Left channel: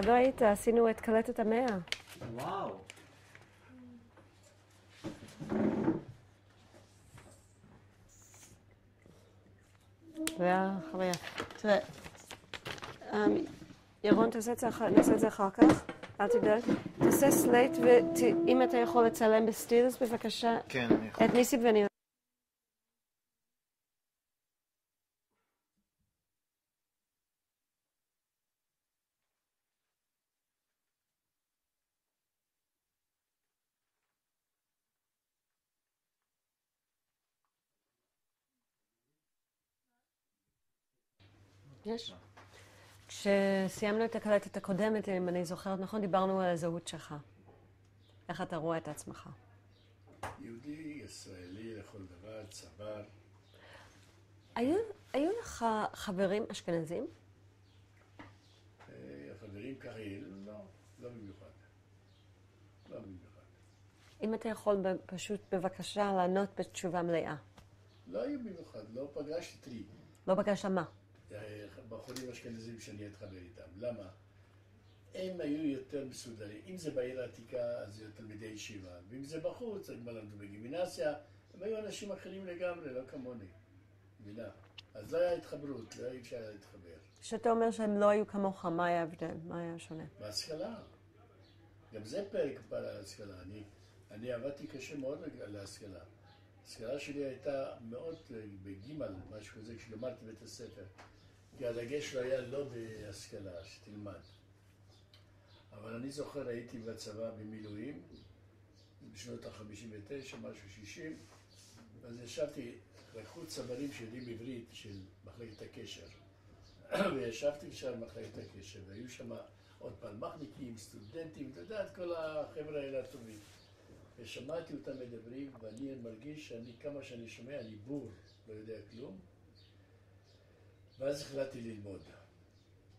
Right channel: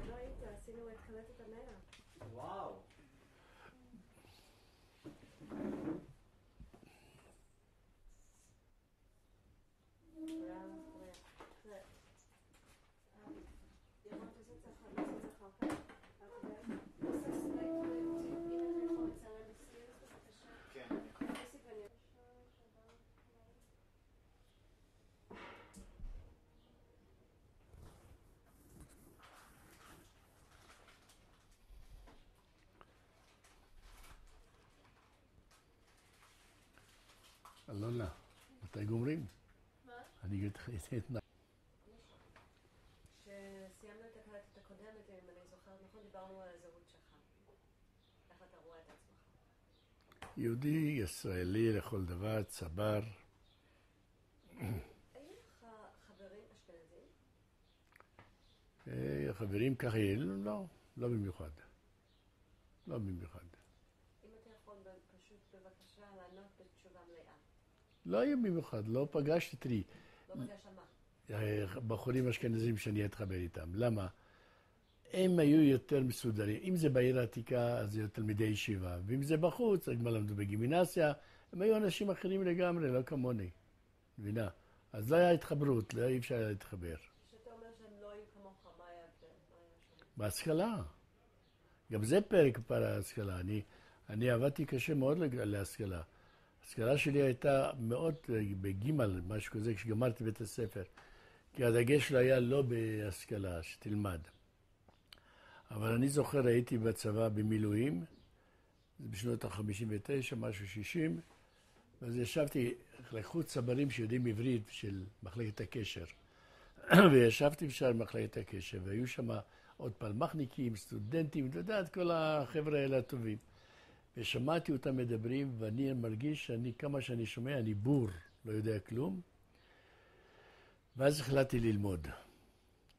כשלא היית, עשינו את קלטת המאה. וואו. זה היה חוויה. תראה, ירון, נעשה את זה אחר כך, אל תדאג. תעשה סלייט, ואם אתה יכול לצלם בסטילס, בבקשה. כן, אני יכול. את ניסי ואני... אלונה, מתי גומרים? מה? אני אתן... יש. כשסיימנו את הקלטת הקודמת, אם אני זוכרת נכון, דיברנו על הזהות שלך. איך אתה רואה את עצמך? יהודי, ישראלי לכל דבר, צבר. היו לך חברים אשכנזים? חברים ככה, לא, לא במיוחד. לא במיוחד. אם אתה יכול פשוט בבקשה לענות בתשובה מלאה. לא היו במיוחד, לא פגשתי תראי. לא פגשת מה? בחורים אשכנזים שאני אתחבר איתם. למה? הם היו יותר מסודרים. אם זה בעיר העתיקה, אז זה יותר תלמידי ישיבה. ואם זה בחוץ, הם למדו בגימנסיה, הם היו אנשים אחרים לגמרי, לא כמוני. מבינה? אז לא היה התחברות, לא היה אפשר להתחבר. כשאתה אומר שהם לא היו כמוך, מה היה הבדל? מה היה שונה? בהשכלה. גם זה פרק על ההשכלה. אני עבדתי קשה מאוד להשכלה. ההשכלה שלי הייתה מאוד בגימל, משהו כזה, כשגמרתי בית הספר. כי הדגש שלה היה לא בהשכלה, שתלמד. אבל אני זוכר, הייתי בצבא במילואים, בשנות ה-59, משהו 60, אז ישבתי, לקחו צברים שיודעים עברית של מחלקת הקשר. וישבתי בשער מחלקת הקשר, והיו שם עוד פלמחניקים, סטודנטים, אתה יודע, כל החבר'ה האלה הטובים. ושמעתי אותם מדברים, ואני מרגיש כמה שאני שומע, אני בור, לא יודע כלום. ואז החלטתי ללמוד.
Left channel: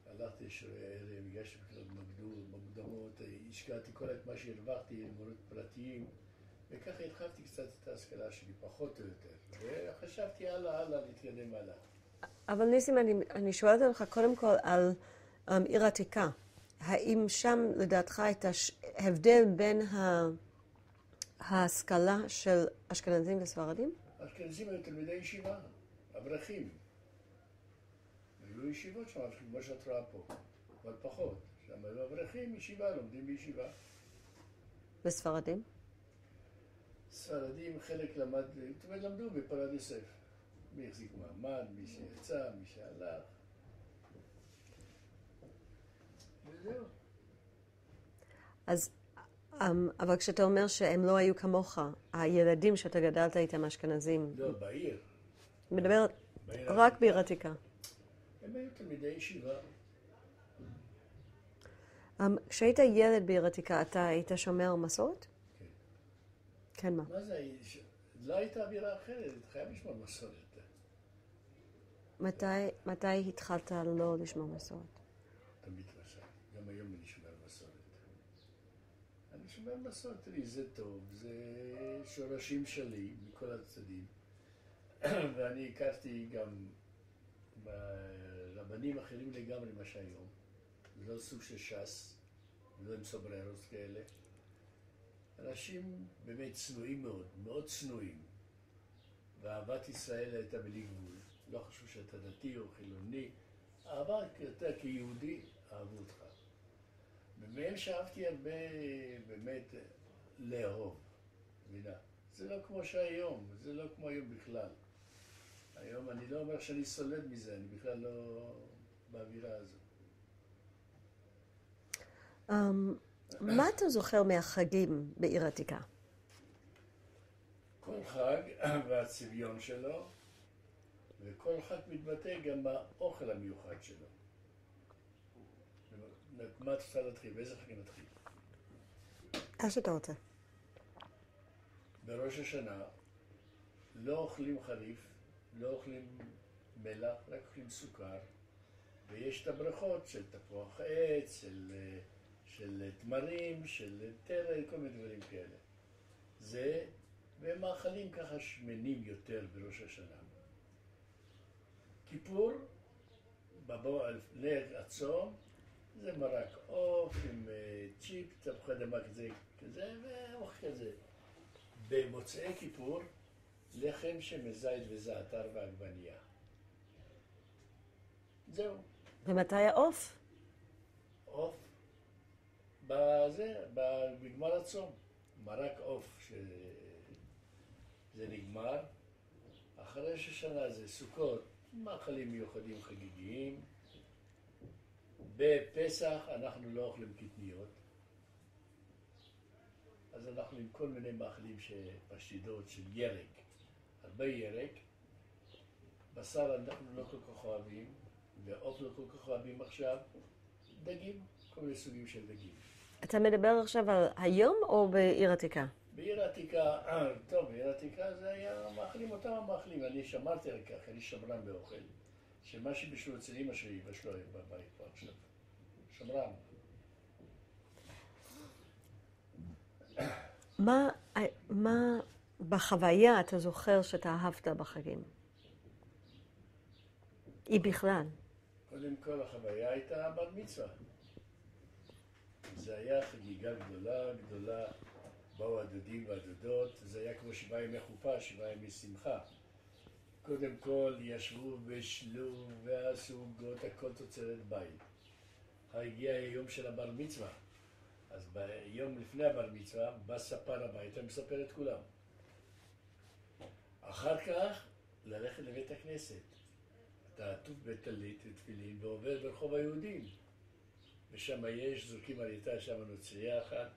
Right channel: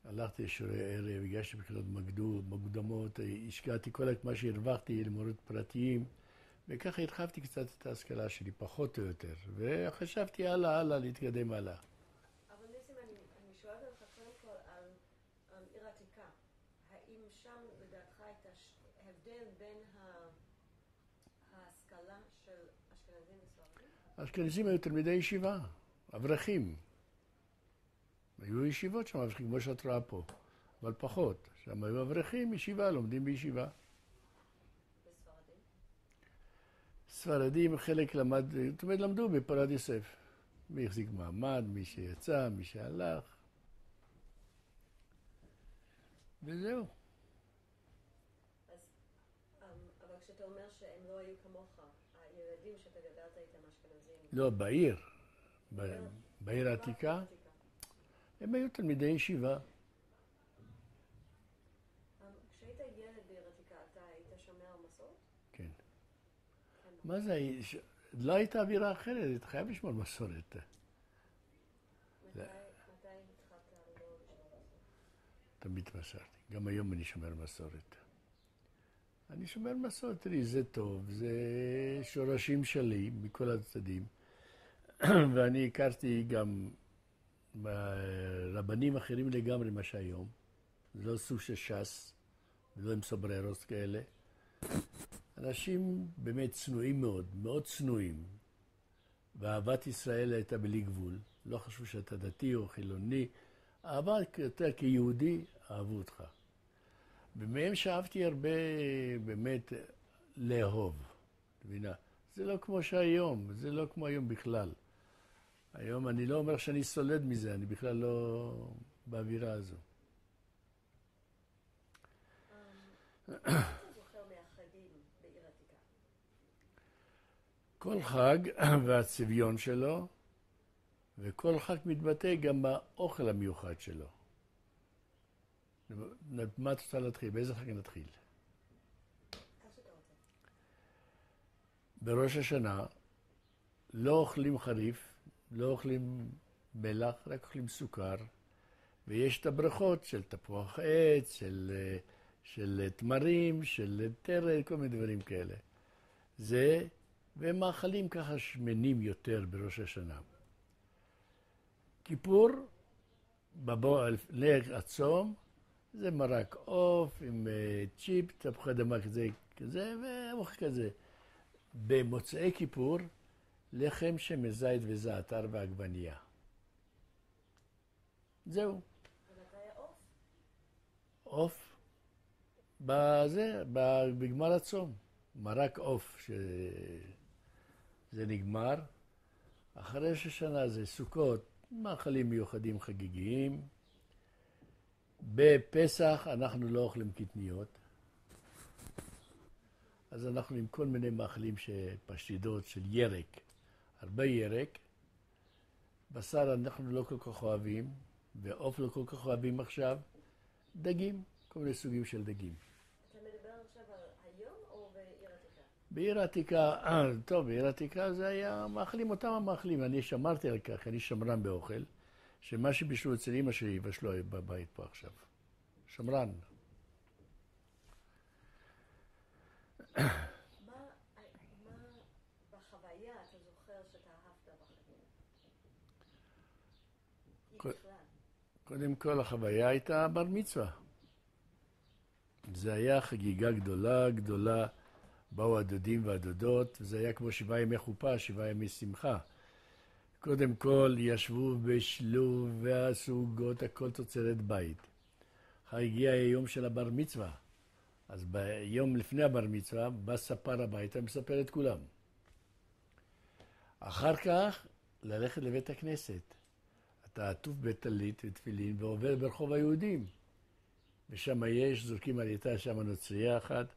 הלכתי לשיעורי ערב, הגשתי בחינות מוקדמות, השקעתי כל מה שהרווחתי למורות פרטיים, וככה הרחבתי קצת את ההשכלה שלי, פחות או יותר. וחשבתי הלאה, להתקדם הלאה. אבל ניסים, אני שואלת אותך קודם כל על עיר עתיקה. האם שם לדעתך הייתה הבדל בין ההשכלה של אשכנזים וספרדים? האשכנזים היו תלמידי ישיבה, אברכים. היו ישיבות שם, כמו שאת רואה פה, אבל פחות. שם היו אברכים, ישיבה, לומדים בישיבה. וספרדים? ספרדים, חלק למדו בפרד יוסף. מי החזיק מעמד, מי שיצא, מי שהלך. וזהו. אז, אבל כשאתה אומר שהם לא היו כמוך, הילדים שאתה גדלת איתם אשכנזים... לא, בעיר. מדברת בעיר רק העתיקה. בעיר עתיקה. הם היו תלמידי ישיבה. כשהיית ילד בעיר עתיקה, אתה היית שומר מסורת? כן. כן, מה? מה זה? לא הייתה אווירה אחרת, היית חייב לשמור מסורת. מתי התחלת לא לשמור מסורת? תמיד מסרתי. גם היום אני שומר מסורת. אני שומר מסורת, תראי, זה טוב, זה שורשים שלי מכל הצדדים. ואני הכרתי גם רבנים אחרים לגמרי מה שהיום. לא סוג של ש"ס, לא עם סובררוס כאלה. אנשים באמת צנועים מאוד, מאוד צנועים. ואהבת ישראל הייתה בלי גבול. לא חשוב שאתה דתי או חילוני. אהבה אתה כיהודי, אהבו אותך. ומהם שאהבתי הרבה באמת לאהוב. מבינה? זה לא כמו שהיום, זה לא כמו היום בכלל. היום אני לא אומר שאני סולד מזה, אני בכלל לא באווירה הזו. מה אתה זוכר מהחגים בעיר עתיקה? כל חג והצביון שלו, וכל חג מתבטא גם באוכל המיוחד שלו. מה את רוצה להתחיל? באיזה חג נתחיל? איך שאתה רוצה. בראש השנה לא אוכלים חריף, לא אוכלים מלח, רק אוכלים סוכר, ויש את הברכות של תפוח עץ, של תמרים, של תרל, כל מיני דברים כאלה. זה, והם מאכלים ככה שמנים יותר בראש השנה. כיפור, לפני הצום, זה מרק עוף עם צ'יפ, תפוחי אדמה כזה ואוכל כזה. במוצאי כיפור, לחם שמזית וזעתר ועגבנייה. זהו. ומתי העוף? עוף, בגמר הצום. מרק עוף, שזה נגמר. אחרי ראש השנה זה סוכות, מאכלים מיוחדים חגיגיים. בפסח אנחנו לא אוכלים קטניות. אז אנחנו עם כל מיני מאכלים פשטידות של ירק. הרבה ירק. בשר אנחנו לא כל כך אוהבים, ועוף לא כל כך אוהבים עכשיו. דגים, כל מיני סוגים של דגים. אתה מדבר עכשיו על היום או בעיר עתיקה? בעיר העתיקה, טוב, בעיר העתיקה זה היה מאכלים אותם המאכלים. אני שמרתי על כך, אני שמרן באוכל, שמה שבישלו אצל אמא שלי יבשלו בבית פה עכשיו. שמרן. מה בחוויה אתה זוכר שאתה אהבת בחגים? היא בכלל. קודם כל החוויה הייתה בר מצווה. זה היה חגיגה גדולה, גדולה. באו הדודים והדודות, זה היה כמו 7 ימי חופה, 7 ימי שמחה. קודם כל ישבו בשלו ועשו עוגות, הכל תוצרת בית. הגיע היום של הבר מצווה. אז ביום לפני הבר מצווה בא ספר הביתה ומספר את כולם. אחר כך ללכת לבית הכנסת. אתה עטוף בטלית ותפילין ועובר ברחוב היהודים. ושם יש, זורקים על איתה שם נוצרייה אחת,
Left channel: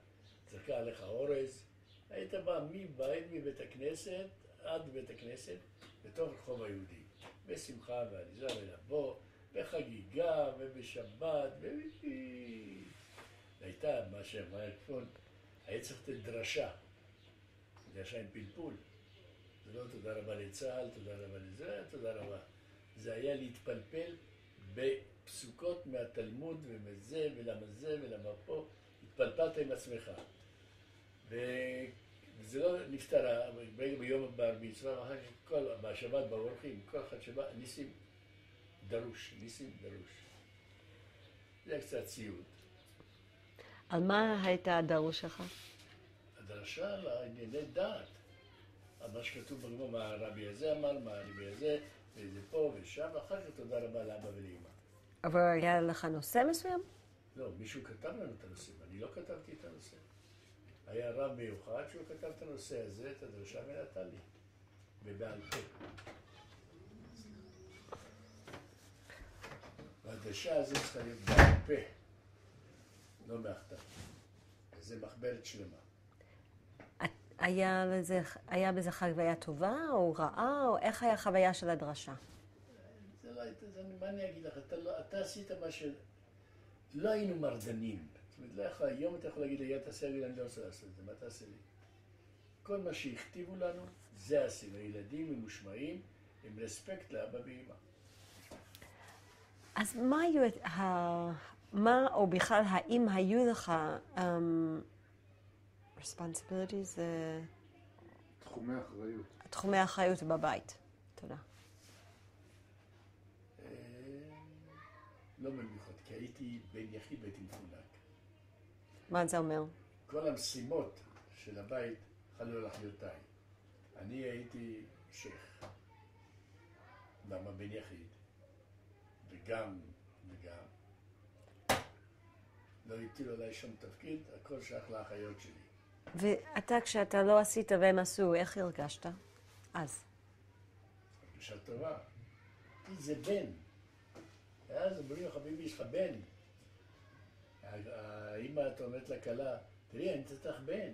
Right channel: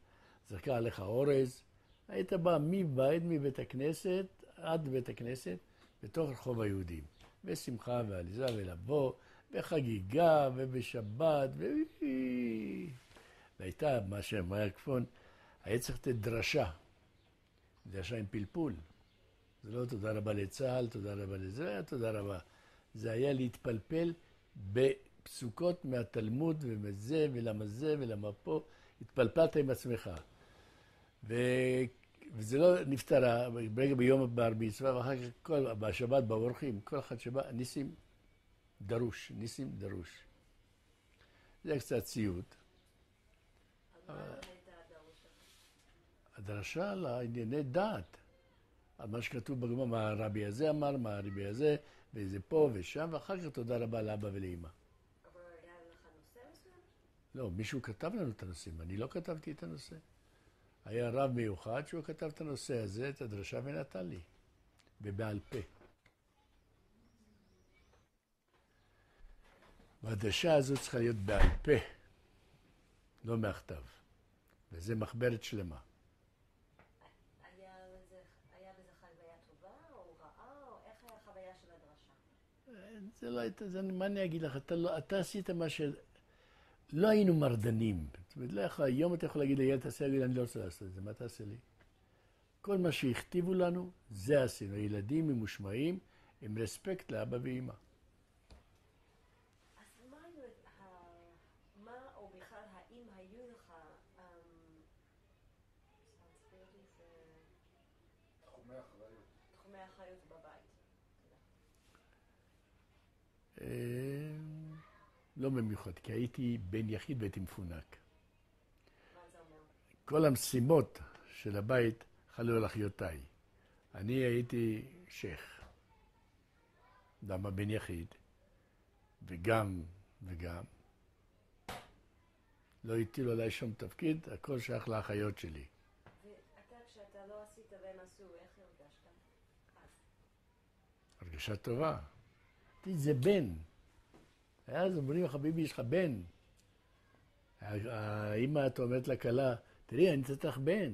זרקה עליך אורז. היית בא מבית הכנסת עד בית הכנסת לתוך רחוב היהודים. בשמחה ועליזה ולבוא, בחגיגה ובשבת והייתה מה שאמר כפון, היה צריך לתת דרשה. דרשה עם פלפול. זה לא תודה רבה לצה"ל, תודה רבה לזה, תודה רבה. זה היה להתפלפל בפסוקות מהתלמוד ומזה ולמה זה ולמה פה. התפלפלת עם עצמך. וזה לא נפטרה, ברגע ביום בר מצווה, ואחר כך בשבת באורחים, כל אחד שבא, ניסים דרוש, ניסים דרוש. זה קצת ציוד. על מה הייתה הדרוש שלך? הדרשה על הענייני דת. על מה שכתוב בגמרא, מה הרבי הזה אמר, מה הרבי הזה, וזה פה ושם, ואחר כך תודה רבה לאבא ולאמא. אבל היה לך נושא מסוים? לא, מישהו כתב לנו את הנושאים, אני לא כתבתי את הנושא. היה רב מיוחד שהוא כתב את הנושא הזה, את הדרשה, ונתן לי, ובעל פה. והדרשה הזו צריכה להיות בעל פה, לא מהכתב. וזה מחברת שלמה. היה בזה חוויה טובה או רעה, או איך היה החוויה של הדרשה? זה לא הייתה, מה אני אגיד לך, אתה עשית מה ש... לא היינו מרדנים. זאת אומרת, לך, היום אתה יכול להגיד לי, תעשה לי, אני לא רוצה לעשות את זה, מה תעשה לי? כל מה שהכתיבו לנו, זה עשינו. ילדים ממושמעים, עם רספקט לאבא ואמא. אז מה או בכלל, האם היו לך responsibilities? תחומי אחריות. תחומי אחריות בבית. תודה. לא במיוחד, כי הייתי בן יחיד והייתי מפונק. מה זה אומר? כל המשימות של הבית חלו על אחיותיי. אני הייתי שייך. למה בן יחיד? וגם. לא הטילו עליי שום תפקיד, הכל שייך לאחיות שלי. ואתה, כשאתה לא עשית והם עשו, איך הרגשת? אז. הרגשה טובה. זה בן. אז אומרים, חביבי, יש לך בן. האמא, את אומרת לכלה, תראי, אני נתת לך בן.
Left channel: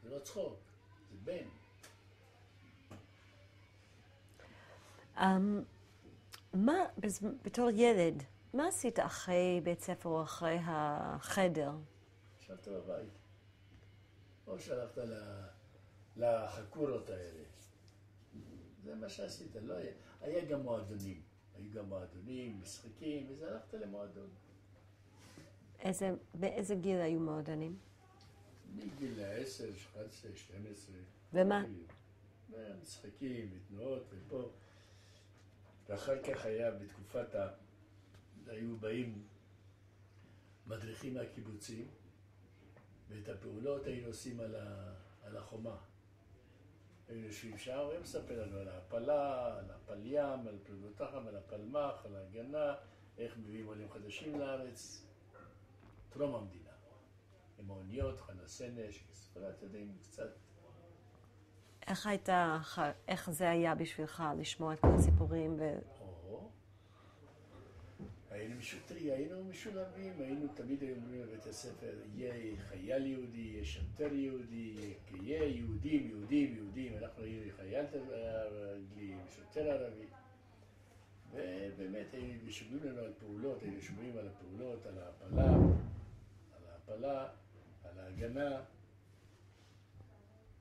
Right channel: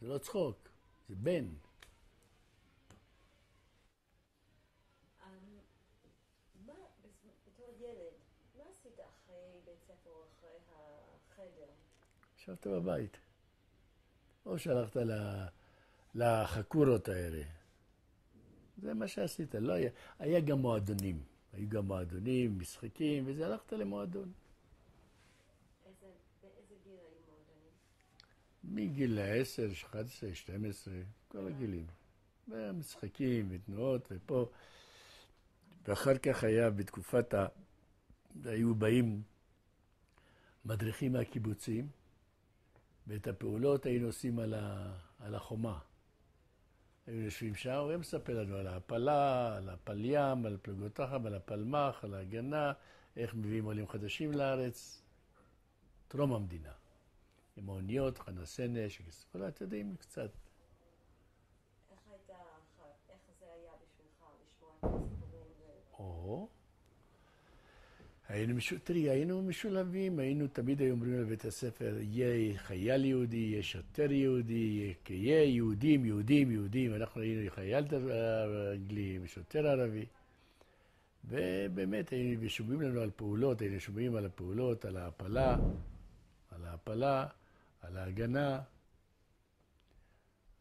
זה לא צחוק, זה בן. בתור ילד, מה עשית אחרי בית ספר או אחרי החדר? ישבת בבית. או שהלכת לחקורות האלה. זה מה שעשית. לא היה גם מועדונים. היו גם מועדונים, משחקים, וזה הלכת למועדון. באיזה גיל היו מועדונים? מגיל 10, 11, 12. ומה? משחקים ותנועות ופה. ואחר כך היה בתקופת היו באים מדריכים מהקיבוצים, ואת הפעולות היינו עושים על החומה. היינו יושבים שם, והם מספר לנו על ההפלה, על הפלים, על פלוגות החם, על הפלמ"ח, על ההגנה, איך מביאים עולים חדשים לארץ, טרום המדינה. עם האוניות, חנה סנש, כל אתם יודעים קצת. איך זה היה בשבילך לשמוע את כל הסיפורים? היינו משולבים, תמיד היו אומרים לבית הספר, יהיה חייל יהודי, יהיה שוטר יהודי, יהיה יהודים, אנחנו היינו חייל אנגלי ושוטר ערבי. ובאמת היינו שומעים לנו על פעולות, היינו שומעים על הפעולות, על ההפלה, על ההגנה.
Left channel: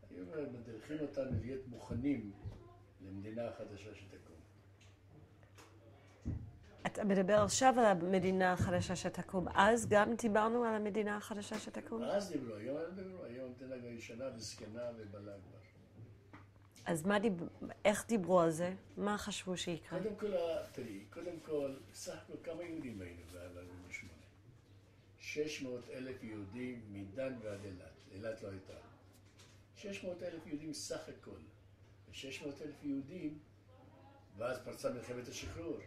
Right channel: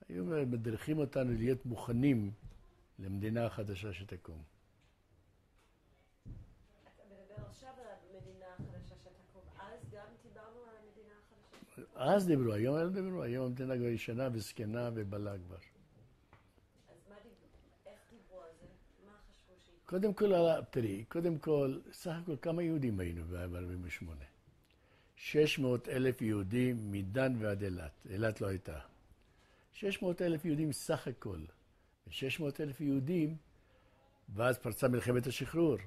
היו מדריכים אותנו להיות מוכנים למדינה החדשה שתקום. אתה מדבר עכשיו על המדינה החדשה שתקום. אז גם דיברנו על המדינה החדשה שתקום? אז דיברו, היום לא דיברו. היום המדינה כבר ישנה וזקנה ובלה כבר. אז איך דיברו על זה? מה חשבו שיקרה? קודם כל, סך הכל כמה יהודים היינו ב-48? 600,000 יהודים מדן ועד אילת. אילת לא הייתה. 600,000 יהודים סך הכל. 600,000 יהודים, ואז פרצה מלחמת השחרור.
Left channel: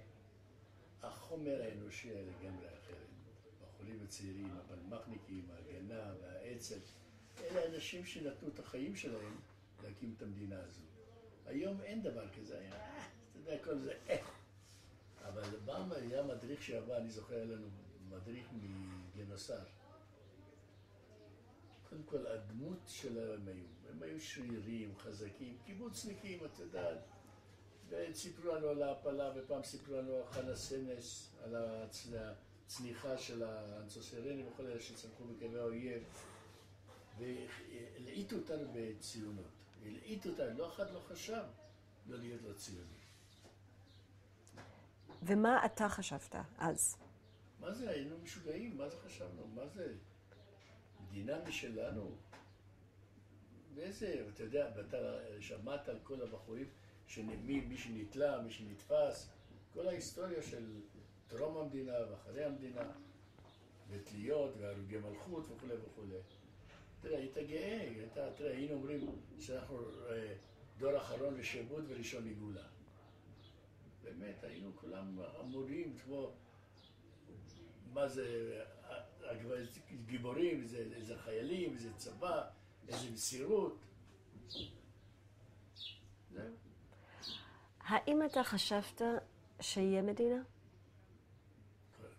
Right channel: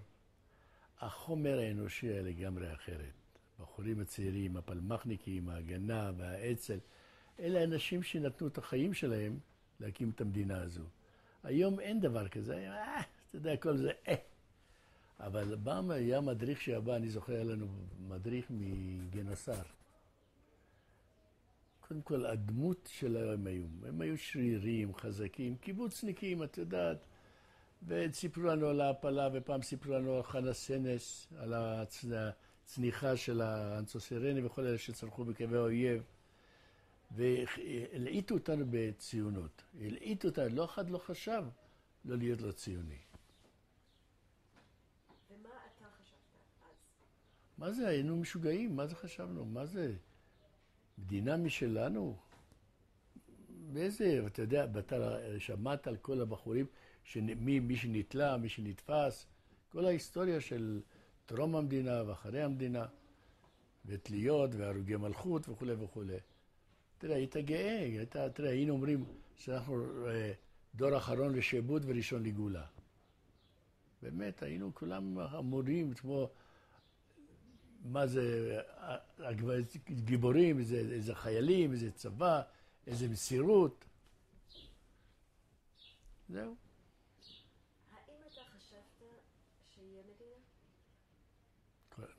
החומר האנושי היה לגמרי אחרת. בחורים הצעירים, הפלמ"חניקים, ההגנה והאצ"ל, אלה אנשים שנתנו את החיים שלהם להקים את המדינה הזו. היום אין דבר כזה, אתה יודע, כל זה, אבל פעם היה מדריך שבא, אני זוכר, היה לנו מדריך מגינוסר. קודם כל, הדמות שלהם הם היו שרירים, חזקים, קיבוצניקים, את יודעת, וסיפרו לנו על ההפלה, ופעם סיפרו לנו על חנה סנש, על הצניחה של האנצוסירני וכל אלה שצרכו בקווי האויב, והלעיטו אותנו בציונות. הלעיטו אותנו, לא אחד לא חשב לא להיות לו ציוני. ומה אתה חשבת אז? מה זה? היינו משוגעים, מה זה חשבנו? מה זה? מדינה משלנו? באיזה, אתה יודע, שמעת על כל הבחורים, מי שנתלה, מי שנתפס, כל ההיסטוריה של טרום המדינה ואחרי המדינה, ותליות והרוגי מלכות וכו' וכו'. תראה, היית גאה, תראה, היינו אומרים שאנחנו דור אחרון לשעבוד וראשון לגאולה. באמת, היינו כולם אמורים, כמו, מה זה, גיבורים, איזה חיילים, איזה צבא, איזה מסירות. זהו. האם אתה חשבת שיהיה מדינה?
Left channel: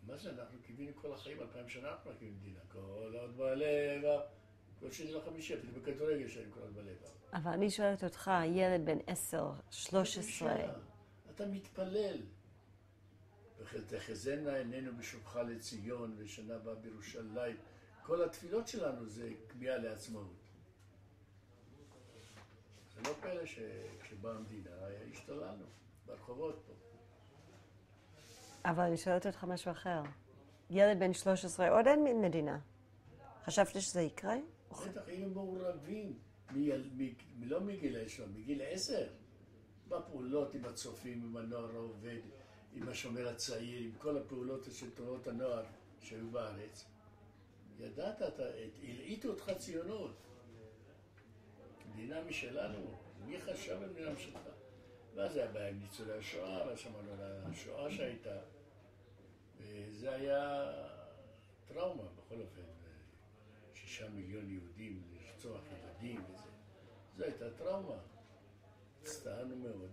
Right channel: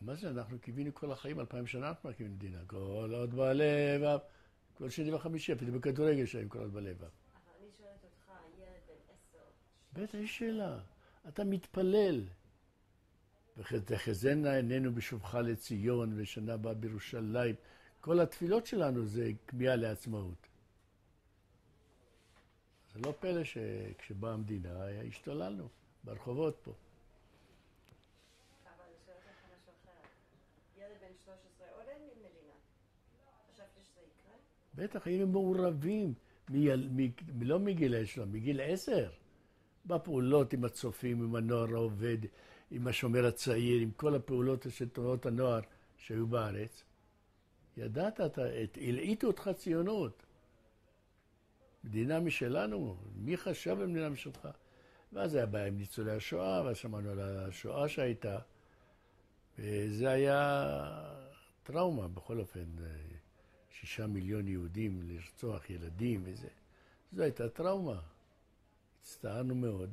מה זה, אנחנו קיווינו כל החיים, 2000 שנה אנחנו מקימים מדינה. כל עוד בלבב, כל שני וחמישי, אפילו בכדורגל שהם כל עוד בלבב. אבל אני שואלת אותך, ילד בן 10, 13. אתה מתפלל. ותחזינה עינינו בשובך לציון, ושנה הבאה בירושלים. כל התפילות שלנו זה כמיהה לעצמאות. זה לא פלא שכשבאה המדינה השתוללנו ברחובות פה. אבל אני שואלת אותך משהו אחר. ילד בן 13, עוד אין מדינה. חשבת שזה יקרה? בטח, היינו מעורבים, לא מגיל 10, מגיל 10. בפעולות עם הצופים, עם הנוער העובד, עם השומר הצעיר, עם כל הפעולות של תנועות הנוער שהיו בארץ. ידעת, הלעיטו אותך ציונות. מדינה משלנו, מי חשב במדינה משלך? ואז היה בעיה עם ניצולי השואה, ואז שמענו על השואה שהייתה. וזה היה טראומה, בכל אופן, 6 מיליון יהודים לרצוח ילדים וזה. זו הייתה טראומה. הצטערנו מאוד.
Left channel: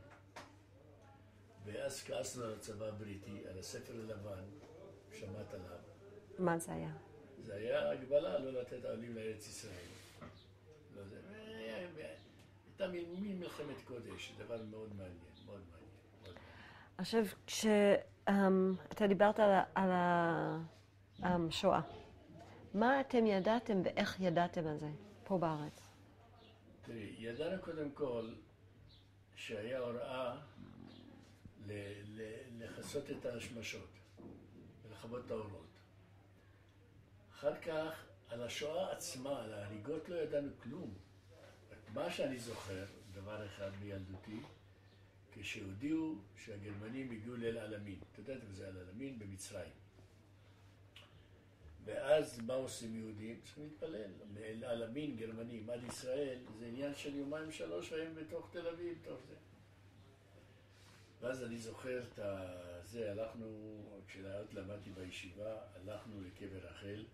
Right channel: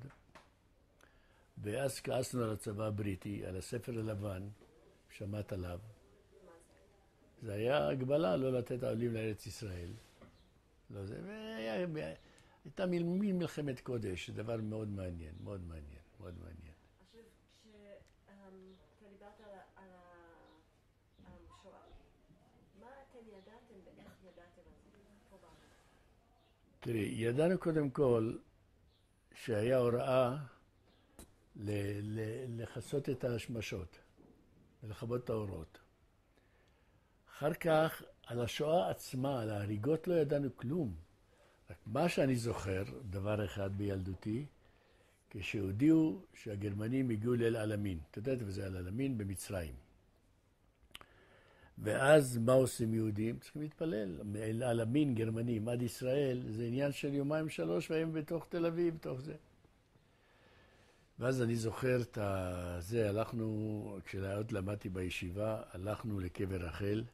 ואז כעסנו על הצבא הבריטי, על הספר הלבן, שמעת עליו. מה זה היה? זה היה הגבלה לא לתת העולים לארץ ישראל. לא זה, הייתה מלחמת קודש, דבר מאוד מעניין, מאוד מעניין, מאוד מעניין. עכשיו, כשאתה דיברת על השואה, מה אתם ידעתם ואיך ידעתם על זה פה בארץ? תראי, ידענו קודם כל שהיה הוראה לחסות את השמשות ולכבות את האורות. אחר כך, על השואה עצמה, על ההריגות לא ידענו כלום. רק מה שאני זוכר, דבר אחד בילדותי, כשהודיעו שהגרמנים הגיעו לאל-עלמין. אתה יודעת, וזה אל-עלמין במצרים. ואז מה עושים יהודים? צריכים להתפלל. על המין גרמנים עד ישראל, זה עניין של יומיים שלוש, והם בתוך תל אביב, בתוך זה. ואז אני זוכר את זה, הלכנו, כשעוד למדתי בישיבה, הלכנו לקבר רחל.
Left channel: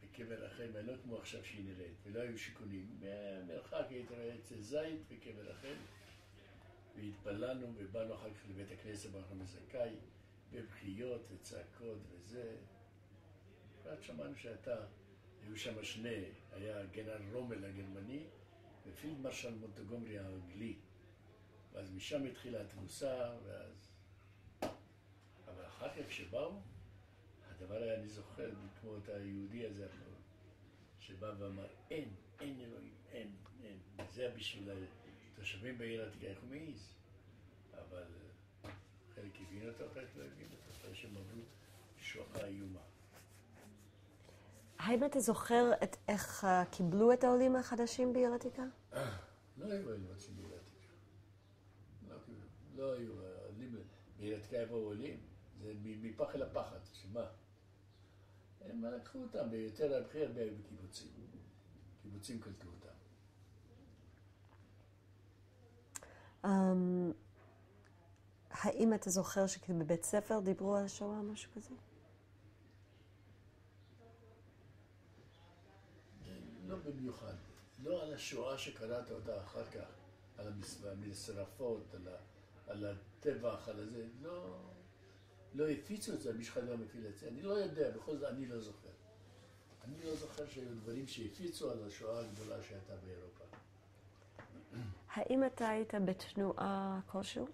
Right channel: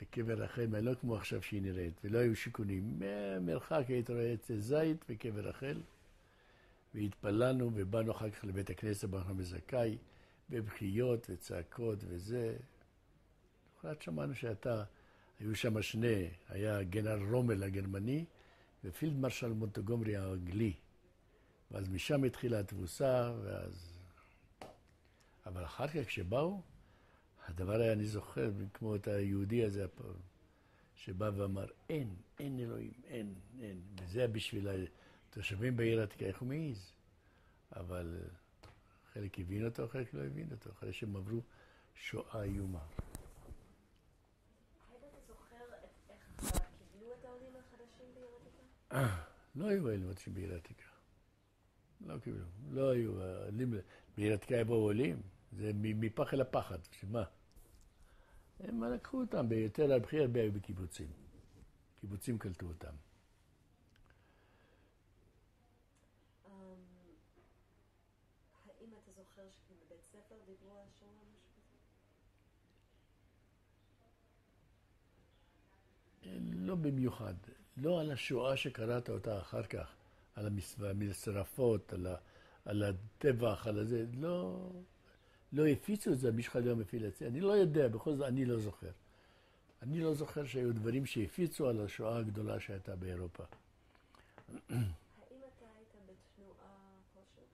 בקבר רחל, לא כמו עכשיו שהיא נראית, ולא היו שיכונים. מרחק היית רואה עצי זית בקבר רחל, והתפללנו ובאנו אחר כך לבית הכנסת, באנו בזכאי, בבכיות וצעקות וזה. אחת שמענו היו שם שני, היה גנרל רומל הגרמני, ופילד מרשל מונטגומרי האנגלי. ואז משם התחילה התבוסה, אבל אחר כך כשבאו, הדבר היה, אני זוכר, כמו את היהודי הזה, שבא ואמר, אין אלוהים, אין. וזה בשביל התושבים בעיר העתיקה, איך הוא מעיז? אבל חלק הבין אותו, חלק לא הבין אותו, אחרי שהם עברו שואה איומה. האם אתה זוכר איך קיבלו את העולים החדשים בעיר העתיקה? לא היו עולים חדשים בעיר העתיקה. לא קיבלו. לא היו. בעיר העתיקה יבואו עולים. זה מפח אל הפחד. שמה? הם לקחו אותם ביותר על בכי הרבה בקיבוצים. קיבוצים קלטו אותם. האם אתה זוכר שבבית ספר דיברו על השואה, משהו כזה? לא במיוחד. לא על השואה שקראת אותה אחר כך, על המשרפות, על הטבח, על זה. לא הפיצו את זה, מישהו אחד לא מפיל את זה. אני לא יודע, בכל זאת אני לא זוכר. אני לא זוכר שהיו דברים שהפיצו על השואה הגדולה שהייתה באירופה. האם אתה היית בתנועה כלשהו?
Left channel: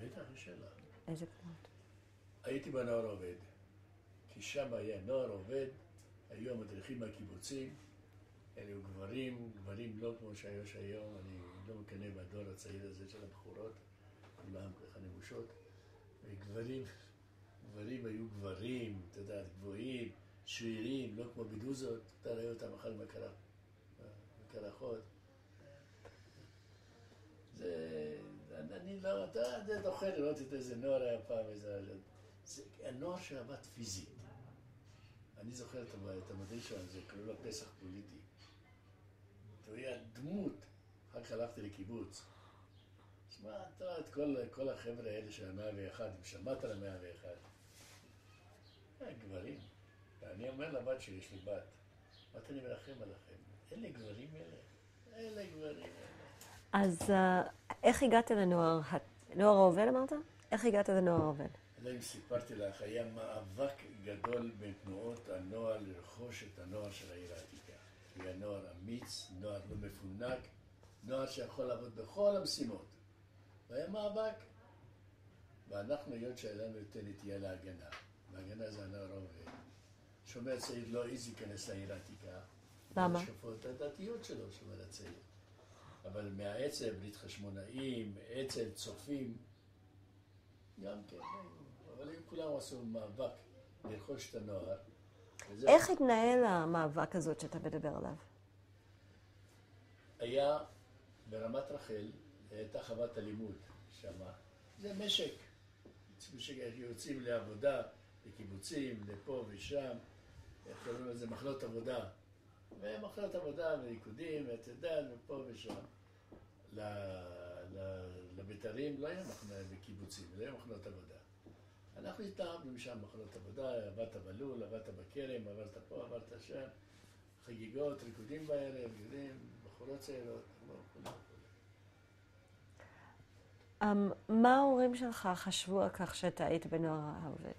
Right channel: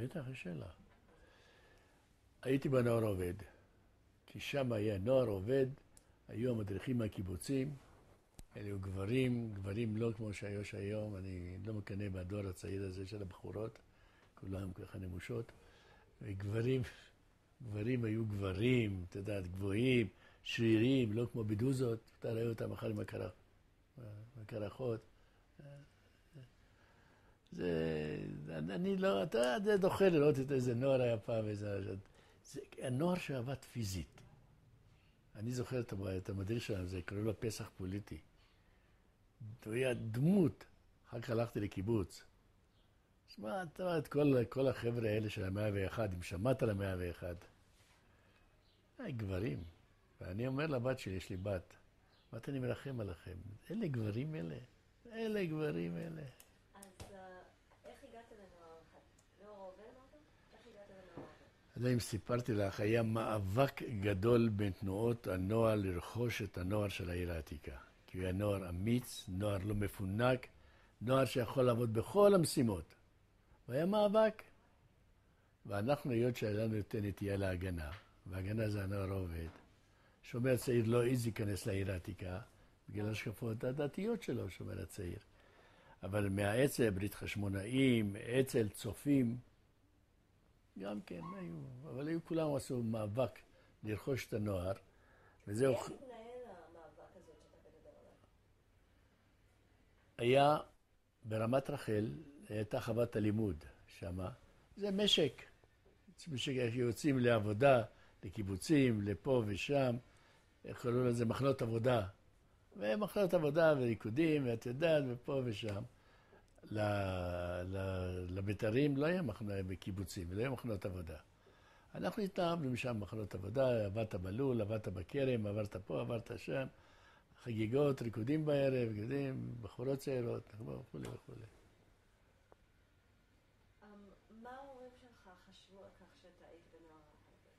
בטח, יש שאלה. איזה תנועות? הייתי בנוער עובד, כי שם היה נוער עובד, היו המדריכים מהקיבוצים, אלו גברים לא כמו שיש היום, אני לא מקנא בדור הצעיר הזה של הבחורות, כולם ככה נמושות, וגברים היו גברים, אתה יודע, גבוהים, שרירים, לא כמו בדוזות, אתה רואה אותם אחר מקרחות. אני לא, אתה דוחה לראות את איזה נוער היה פעם, זה הנוער שעבד פיזית. אני זוכר את המדריך שלנו, זה קראו לו פסח פוליטי. הוא היה דמות, אחר כך הלכתי לקיבוץ. שמע, אתה רואה את כל החבר'ה האלה של ה-101, אם שמעת על ה-101, גברים. ואני אומר לבת שלי, יש לי בת, בת אני מרחם עליכם, אלה גברים אלה גברים אלה. אז איך הגעת לנוער העובד אמרת? איך הגעת לנוער העובד? אני יודע אם סיפרתי לך, היה מאבק גדול בין תנועות הנוער לרכוש את הנוער של העיר העתיקה. כי הוא היה נוער אמיץ, נוער לא מפונק, נוער שיכול לעבוד בכל המשימות. והיה מאבק. ואנחנו, היות שהיה לנו יותר נטייה להגנה, והגנה זה הנוער העובד, שומר צעיר לא העז להיכנס לעיר העתיקה. למה? בגלל השקפות הדתיות שלו, שומר הצעיר. אבל מהאצ"ל, ברית חשמונאים, אצ"ל, צופים, גם כן היו, אבל היו כולם עשו מאבק לרכוש את הנוער. איך התנהל המאבק הזאת שאתה מדבר עליו? היה ברמת רחל, הייתה חוות הלימוד שמה. זה משק. יוצאים לעבודה, לקיבוצים, לפה ושם. איך קוראים לזה? מחנות עבודה. ומחנות עבודה וריקודים, ואת יודעת, ופה ושם. לבית"רים לא היה בקיבוצים, לא היה מחנות עבודה. אנחנו התאהבנו משם מחנות עבודה, עברת בלול, עברת בכרם, עברת פה, עברת שם. חגיגות, ריקודים בערב, בחורות צעירות, וכו'. מה ההורים שלך חשבו על כך שאתה היית בנוער העובד?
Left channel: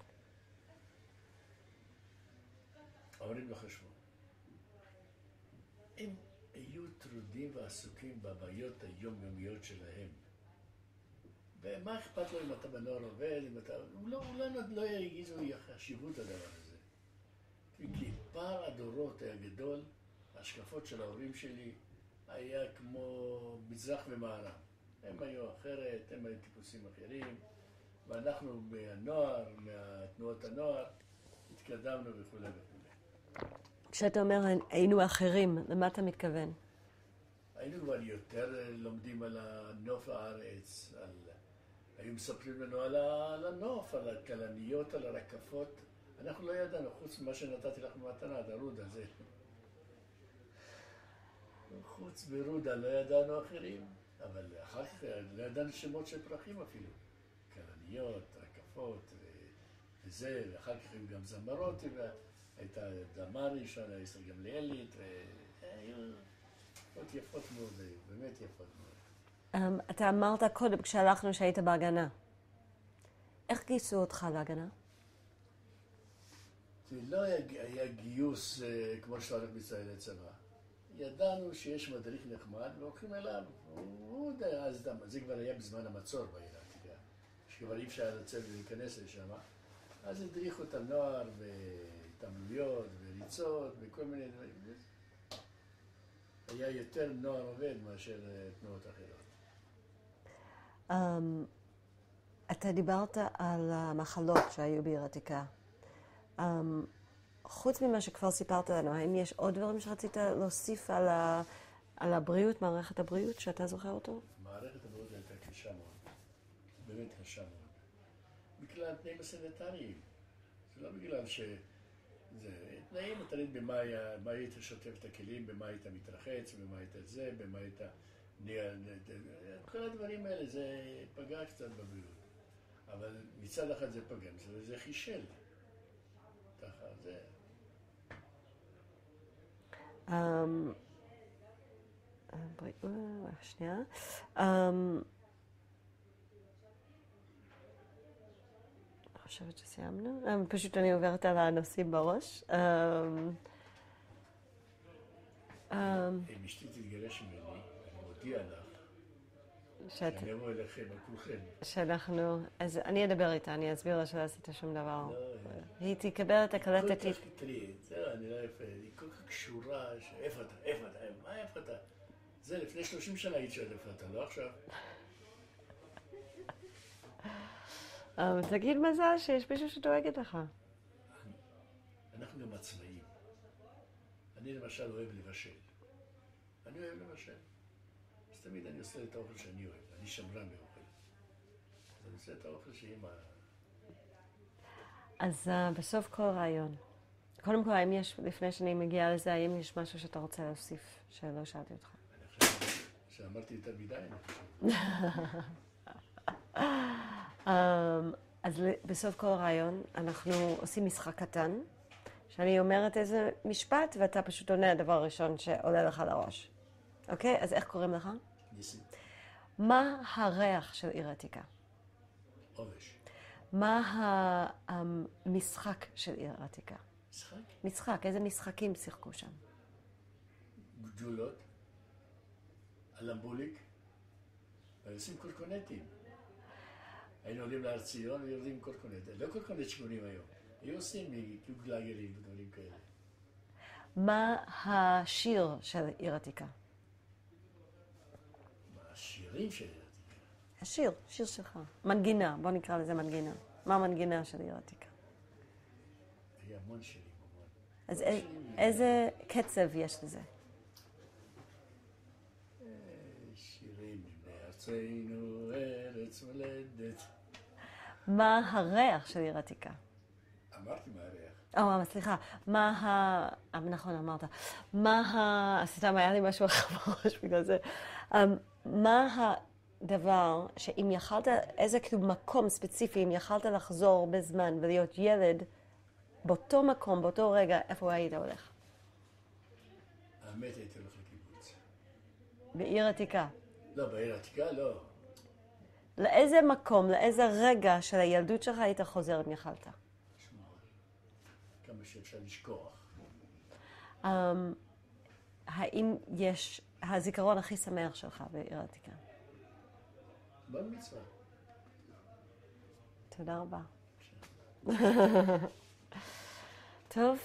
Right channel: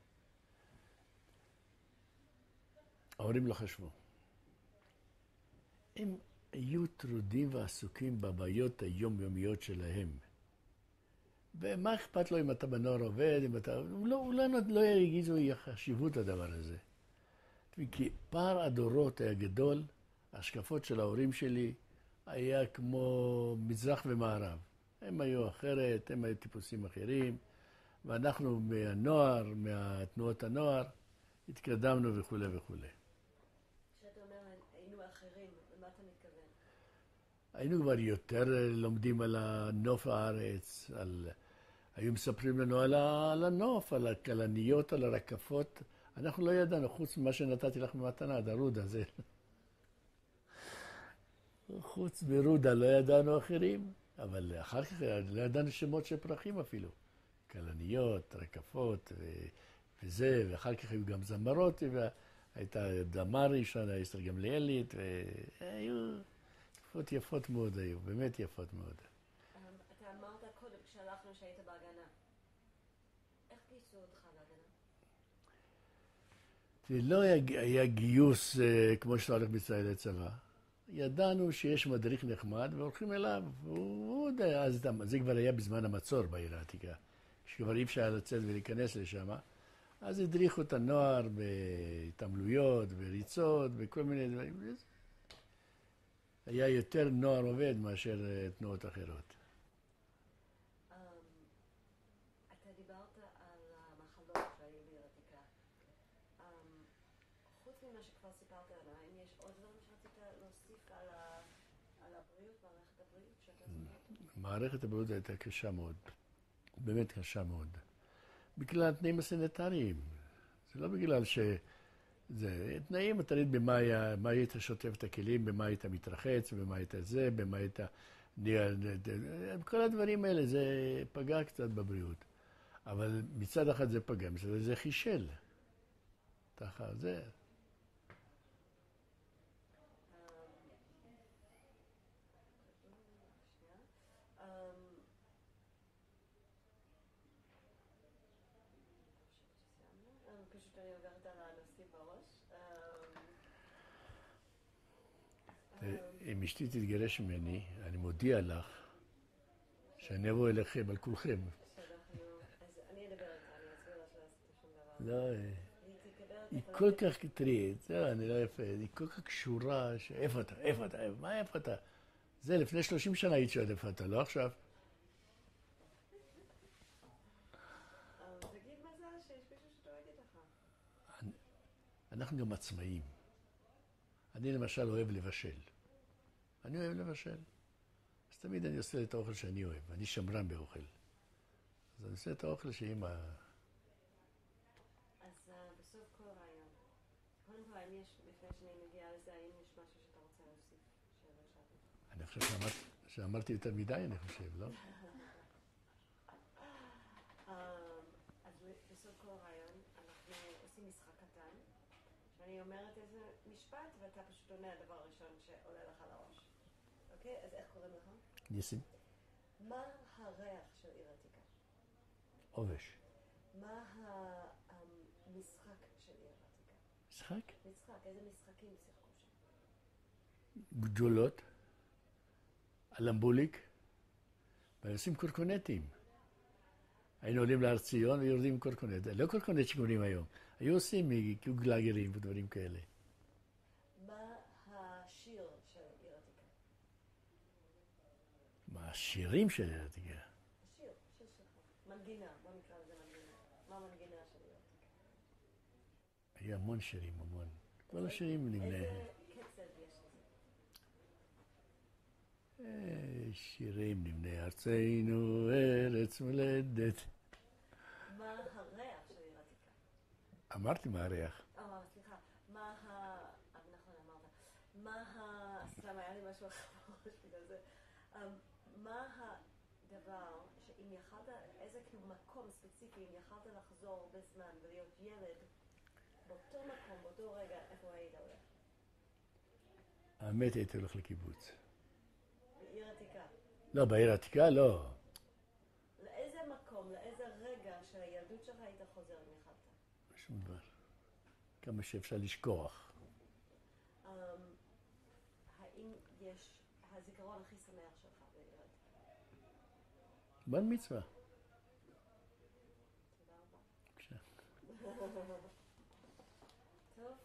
ההורים לא חשבו. הם היו טרודים ועסוקים בבעיות היומיומיות שלהם. ומה אכפת לו אם אתה בנוער עובד, אם אתה... הוא לא הרגיזו חשיבות הדבר הזה. כי פער הדורות היה גדול, ההשקפות של ההורים שלי היה כמו מזרח ומערב. הם היו אחרת, הם היו טיפוסים אחרים, ואנחנו מהנוער, מהתנועות הנוער, התקדמנו וכו' וכו'. כשאתה אומר היינו אחרים, למה אתה מתכוון? היינו כבר יותר לומדים על הנוף הארץ, היו מספרים לנו על הנוף, על הכלניות, על הרקפות, אנחנו לא ידענו, חוץ ממה שנתתי לך במתנה, הרודה זה. חוץ מרודה לא ידענו אחרים, אבל אחר כך לא ידענו שמות של פרחים אפילו. כלניות, רקפות וזה, ואחר כך היו גם זמרות, והייתה דמר ראשונה, אסתר גמליאלית, והיו תקופות יפות מאוד היו, באמת יפות מאוד. אתה אמרת קודם כשהלכנו שהיית בהגנה. איך גייסו אותך להגנה? זה לא היה גיוס כמו שאתה הולך בישראל לצבא. ידענו שיש מדריך נחמד והולכים אליו. זה כבר היה בזמן המצור בעיר העתיקה. שכבר אי אפשר לצאת ולהיכנס לשם. אז הדריכו את הנוער בהתעמלויות, בריצות, בכל מיני דברים. היה יותר נוער עובד מאשר תנועות אחרות. אתה דיברת על המחלות שהיו בעיר העתיקה. חוץ ממה שכבר סיפרת לנו, האם יש עוד דברים שרצית להוסיף על הבריאות, מערכת הבריאות, שאתה זוכר אותו? מערכת הבריאות הייתה קשה מאוד. באמת קשה מאוד. בגלל התנאים הסניטריים. זה לא בגלל זה תנאים, אתה יודע במה היית שוטף את הכלים, במה היית מתרחץ, במה היית זה, במה היית... כל הדברים האלה, זה פגע קצת בבריאות. אבל מצד אחד זה פגע, מצד אחד זה חישל. ככה, זה... שנייה. אני חושבת שסיימנו. פשוט אני עוברת על הנושאים בראש. אם אשתי תתגרש ממני, אני מודיע לך שאני אבוא אליכם, על כולכם. אז אני אדבר איתה, אני אסביר לה שלא עשית שום דבר. לא, היא תקבל את הקלטת. היא כל כך, תראי, זהו, אני לא יפה, היא כל כך קשורה, איפה אתה, מה איפה אתה? זה לפני 30 שנה היית שואלת איפה אתה, לא עכשיו. תגיד מזל שיש מישהו שדואגת לך. אנחנו גם עצמאים. אני למשל אוהב לבשל. אני אוהב לבשל. אז תמיד אני עושה את האוכל שאני אוהב. אני שמרן באוכל. אז אני עושה את האוכל שאמא... אז בסוף כל רעיון. קודם כל, האם יש, לפני שאני מגיעה לזה, האם יש משהו שאתה רוצה להוסיף שלא שאלתי אותך? אני חושב שאמרתי יותר מדי, אני חושב, לא? אז בסוף כל רעיון אנחנו עושים משחק קטן, שאני אומרת איזה משפט, ואתה פשוט עונה הדבר הראשון שעולה לך לראש. אוקיי? אז איך קוראים לך? ניסים. מה הריח של עיר עתיקה? עובש. מה המשחק של עיר עתיקה? משחק? משחק, איזה משחקים שיחקו שם? גדולות, אלמבוליק, ועושים קורקונטים. היינו עולים להר ציון ויורדים עם קורקונט. לא קורקונט שקוראים היום. היו עושים גלגלים ודברים כאלה. מה השיר של עיר עתיקה? מה השירים של עיר עתיקה? השיר, שיר שלך. מנגינה, בוא נקרא לזה מנגינה. מה המנגינה של עיר עתיקה? היה המון שירים, המון. אז איזה קצב יש לזה? שירים נבנה ארצנו, ארץ מולדת. מה הריח של עיר עתיקה? אמרתי מה הריח. סליחה. נכון, אמרת. סתם היה לי משהו אחר בראש בגלל זה. מה הדבר שאם יכלת, איזה כאילו מקום ספציפי, אם יכלת לחזור בזמן ולהיות ילד, באותו מקום, באותו רגע, איפה היית הולך? האמת הייתי הולך לקיבוץ. בעיר עתיקה? לא, בעיר עתיקה לא. לאיזה מקום, לאיזה רגע של הילדות שלך היית חוזר אם יכלת? שום דבר. כמה שאפשר לשכוח. האם יש הזיכרון הכי שמח שלך בעיר עתיקה? בר מצווה. תודה רבה. טוב.